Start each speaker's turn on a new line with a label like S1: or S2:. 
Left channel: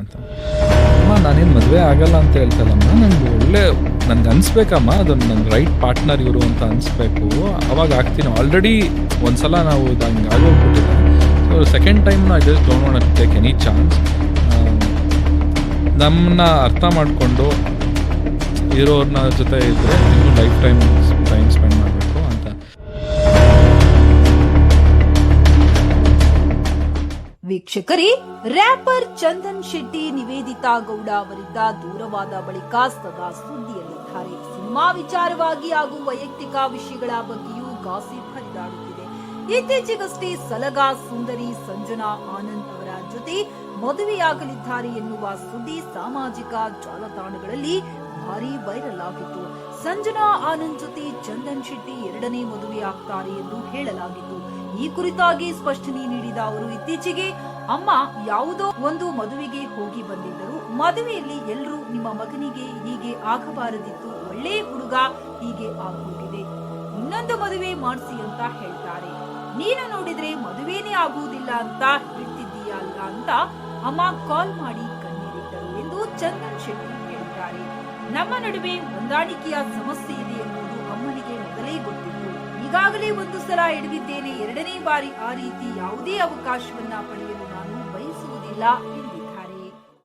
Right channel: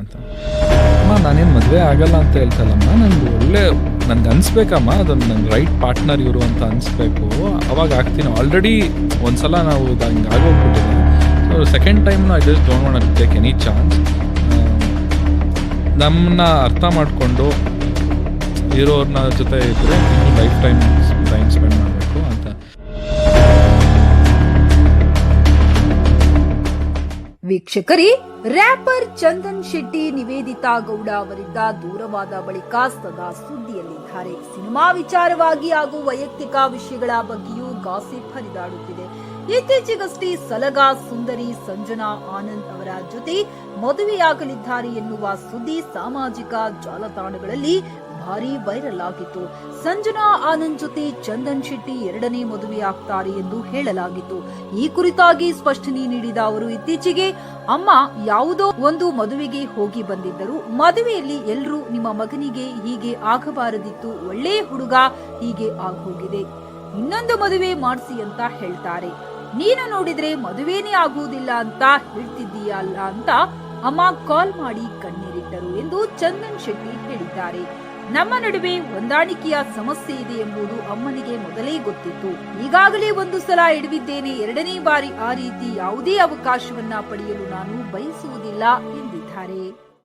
S1: ಅಂತ. ಅಮ್ಮ, ನಾನೇನು ಮದುವೆ ಆಗಲ್ಲ ಅಂತ ಹೇಳ್ತಲ್ಲಮ್ಮ, ನಂಗೆ ಒಳ್ಳೆ ನನಗೆ ಅನಿಸ್ಬೇಕಮ್ಮ, ಅದೊಂದು ನಂಗೆ ರೈಟ್ ಪಾರ್ಟ್ನರ್ ಇವರು ಅಂತ ಅನಿಸ್ಬೇಕು. ಅವಾಗ ಆಗ್ತೀನಿ. ಆಲ್ರೆಡಿ ಒಂದ್ಸಲ ನಾವು ಇದು ಹಂಗೆ ಆಗೋಗ್ಬಿಟ್ಟಿದೆ. So second time I just don't want take any chance ನಮ್ಮನ್ನ ಅರ್ಥ ಮಾಡಿಕೊಂಡು ಇರೋರ್ನ ಜೊತೆ ಇದ್ದರೆ ಇನ್ನೂ ಲೈಫ್ ಟೈಮ್ ಟೈಮ್ ಸ್ಪೆಂಡ್
S2: ವೀಕ್ಷಕರೇ ರ್ಯಾಪರ್ ಚಂದನ್ ಶೆಟ್ಟಿ ನಿವೇದಿತಾ ಗೌಡ ಅವರಿಂದ ದೂರವಾದ ಬಳಿಕ ಸದಾ ಸುದ್ದಿಯಲ್ಲಿದ್ದಾರೆ. ಸಿನಿಮಾ ವಿಚಾರವಾಗಿ ಹಾಗೂ ವೈಯಕ್ತಿಕ ವಿಷಯಗಳ ಬಗ್ಗೆಯೂ ಗಾಸಿಪ್ ಹರಿದಾಡುತ್ತಿದೆ. ಇತ್ತೀಚೆಗಷ್ಟೇ ಸಲಗ ಸುಂದರಿ ಸಂಜನಾ ಆನಂದ್ ಅವರ ಜೊತೆ ಮದುವೆಯಾಗಲಿದ್ದಾರೆ ಎನ್ನುವ ಸುದ್ದಿ ಸಾಮಾಜಿಕ ಜಾಲತಾಣಗಳಲ್ಲಿ ಭಾರಿ ವೈರಲ್ ಆಗಿತ್ತು. ಸಂಜನಾ ಆನಂದ್ ಜೊತೆ ಚಂದನ್ ಶೆಟ್ಟಿ ಎರಡನೇ ಮದುವೆಯಾಗ್ತಾರೆ ಎಂದು ಹೇಳಲಾಗಿತ್ತು. ಈ ಕುರಿತಾಗಿ ಸ್ಪಷ್ಟನೆ ನೀಡಿದ ಅವರು, ಇತ್ತೀಚೆಗೆ ಅಮ್ಮ ಯಾವುದೋ ಒಂದು ಮದುವೆಗೆ ಹೋಗಿ ಬಂದಿದ್ದರು. ಮದುವೆಯಲ್ಲಿ ಎಲ್ಲರೂ ನಿಮ್ಮ ಮಗನಿಗೆ ಹೀಗೆ ಆಗಬಾರದಿತ್ತು. ಒಳ್ಳೆ ಹುಡುಗ ಹೀಗೆ ಆಗೋಗಿದೆ. ಇನ್ನೊಂದು ಮದುವೆ ಮಾಡಿಸಿ ಅಂತ ಹೇಳ್ತಾರೆ. ನೀನು ನೋಡಿದ್ರೆ ಮದುವೆನೇ ಆಗುವುದಿಲ್ಲ ಅಂತ ಹೇಳ್ತಿದ್ದೀಯಲ್ಲ ಅಂತ ಅಮ್ಮ ಕಾಲ್ ಮಾಡಿ ಕಣ್ಣೀರಿಟ್ಟರು ಎಂದು ಚಂದನ್ ಶೆಟ್ಟಿ ಹೇಳಿದ್ದಾರೆ. ನಮ್ಮ ನಡುವೆ ಹೊಂದಾಣಿಕೆಯ ಸಮಸ್ಯೆ ಇದೆ ಎಂಬುದು ಅಮ್ಮನಿಗೆ ಮೊದಲೇ ಗೊತ್ತಿತ್ತು. ಈಗಾಗಲೇ ಒಂದು ಸಲ ಹಿಡಿದಿದ್ದೇನೆ ಎರಡನೇ ಬಾರಿ ಆ ರೀತಿ ಯಾವುದೇ ಅವಕಾಶವನ್ನ ಪಡೆಯಲು ನಾನು ಬಯಸುವುದಿಲ್ಲ